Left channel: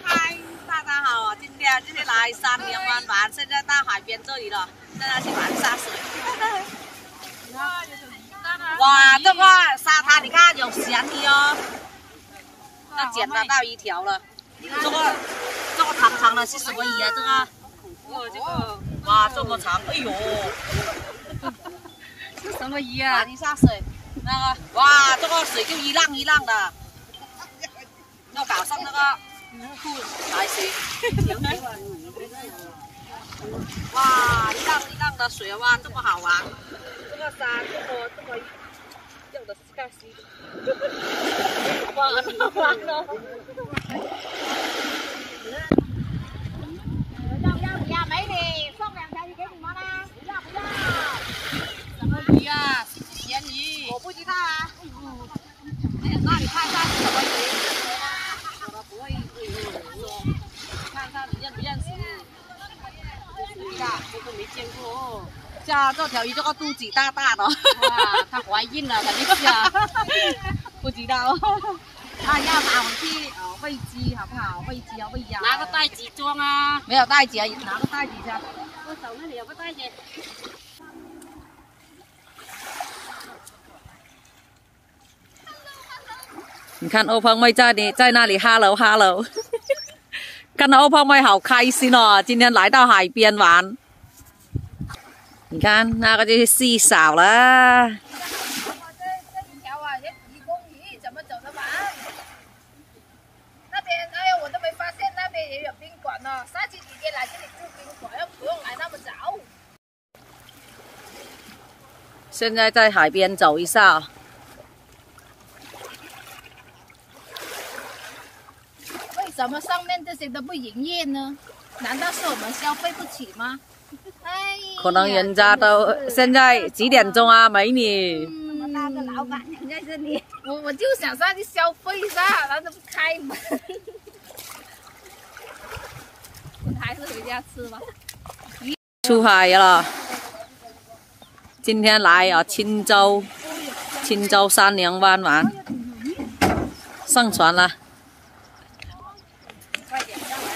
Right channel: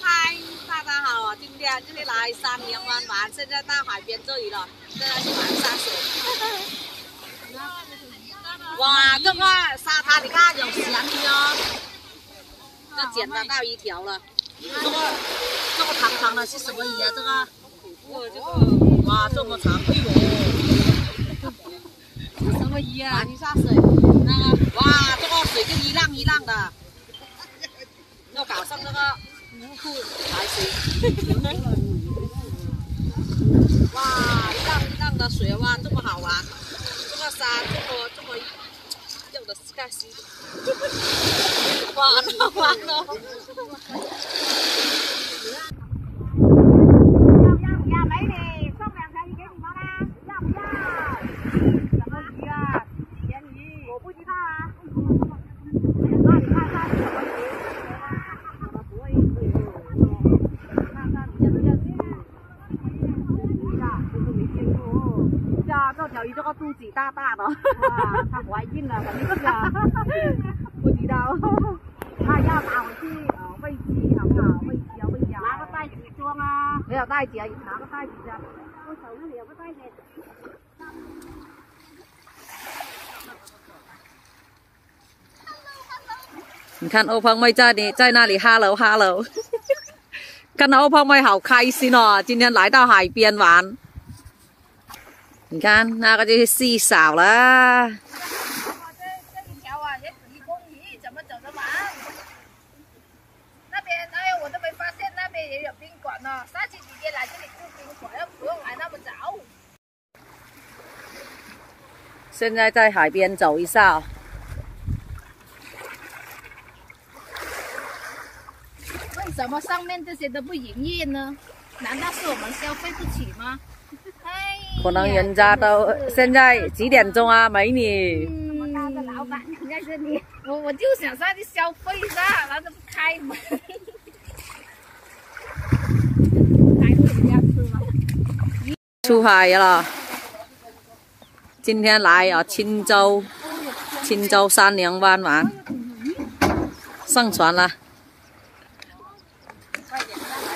嗨，大家好，今天来三年湾玩，现在到海边这里了，现在去玩沙水。哇，这个沙滩你看有咸鱼哦，要捡得到一条了。这个长长的是什么鱼啊？这个？这个哇，这么长，哎呦！是什么鱼啊？打一下水，那个哇，这个水就一浪一浪的，要搞上那个裤才行。哇，一浪一浪的水哇，这么好玩，这个山这么有的是干西，哇，好玩哦！要美女送2条鱼给你们啦，要不要？什么鱼啊？是咸鱼。我不知道啊。那你看一下是什么鱼？我不会看一下你认不认识？真的没见过。像这条鱼这个肚子大大的。哇，她怀孕了，肯定是啊。不知道。那要拿回去喂鸡好不好？喂鸡啊，喂鸭。拿个袋子装啊。没有袋子啊，拿个袋子下。我手那里有个袋子。你看欧胖妹在那里 ，hello hello， 看到欧胖妹好开心哦，今天来到海边玩。你看那个就是细嫂了。这一条啊，也1公里，怎么走得完？那边哎呦，我都没发现那边也有宾馆呢。下次姐姐来这里住宾馆，又不用来那么早。现在在海边走一下。为什么上面这些都不营业呢？难道是我们消费不起吗？哎，可能人家都现在几点钟啊，美女？那么大的老板在这里，我就想上去消费一下，然后都不开门，还是回家吃吧。出海了，今天来啊青州三娘湾玩，上船了。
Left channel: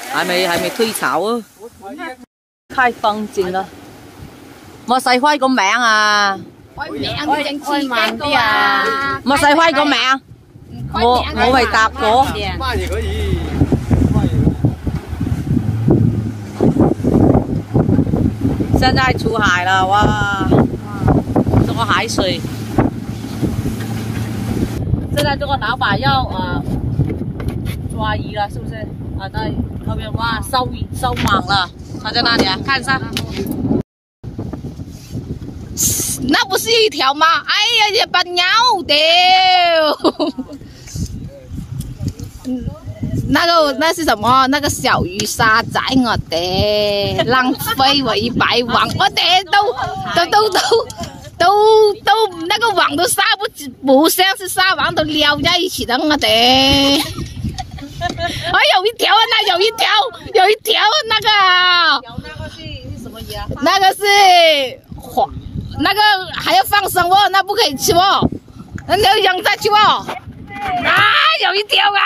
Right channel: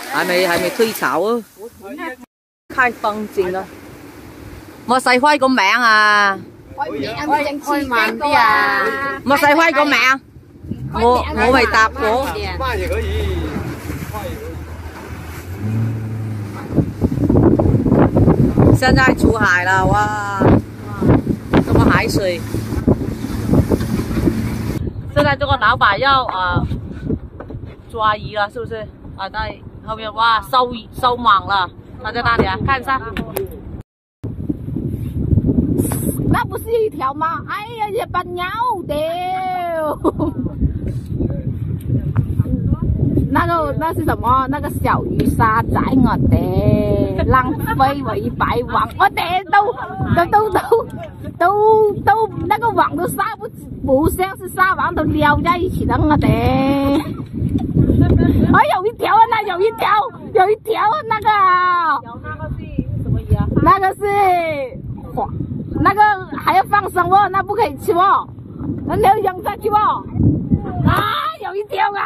还没退潮啊！看風景啦，莫細輝個名啊！開名都整刺激個啊！莫細輝個名，我未答過。慢也可以，慢也可以。現在出海了哇！這個海水，現在這個老闆要抓魚了，是不是？啊，在後面哇，收網了，他在那裡啊，看一下。那不是一條嗎？哎呀，也把鳥掉。那是什麼？那個小魚沙仔我哋浪費我100網，我哋都那個網都撒不像是撒網都撩在一起的我哋。哎，有一條啊，有一條那個。有那個是什麼魚啊？那個是那個還要放生哦，那不可以吃哦，那你要扔下去哦。啊，有一條啊，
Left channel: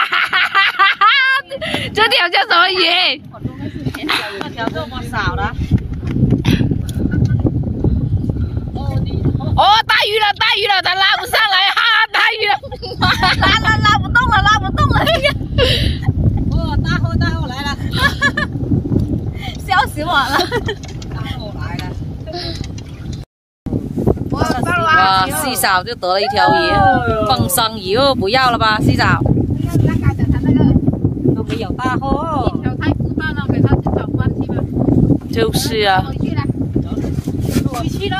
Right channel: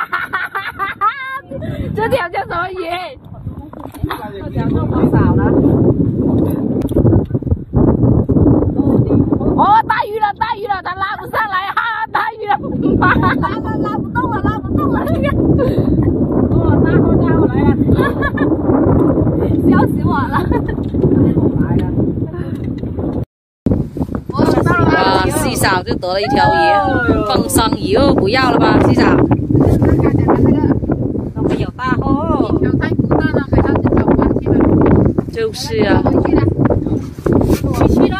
這條叫什麼魚？那條這麼少了。哦，大魚了，它拉不上來哈，大魚了，拉不動了。哦，大貨來了，笑死我了。大貨來了。哇，西嫂就得了一條魚，放生魚哦，不要了吧，西嫂。都沒有大貨。一條太孤單了，給它找關係了。就是啊。回去了。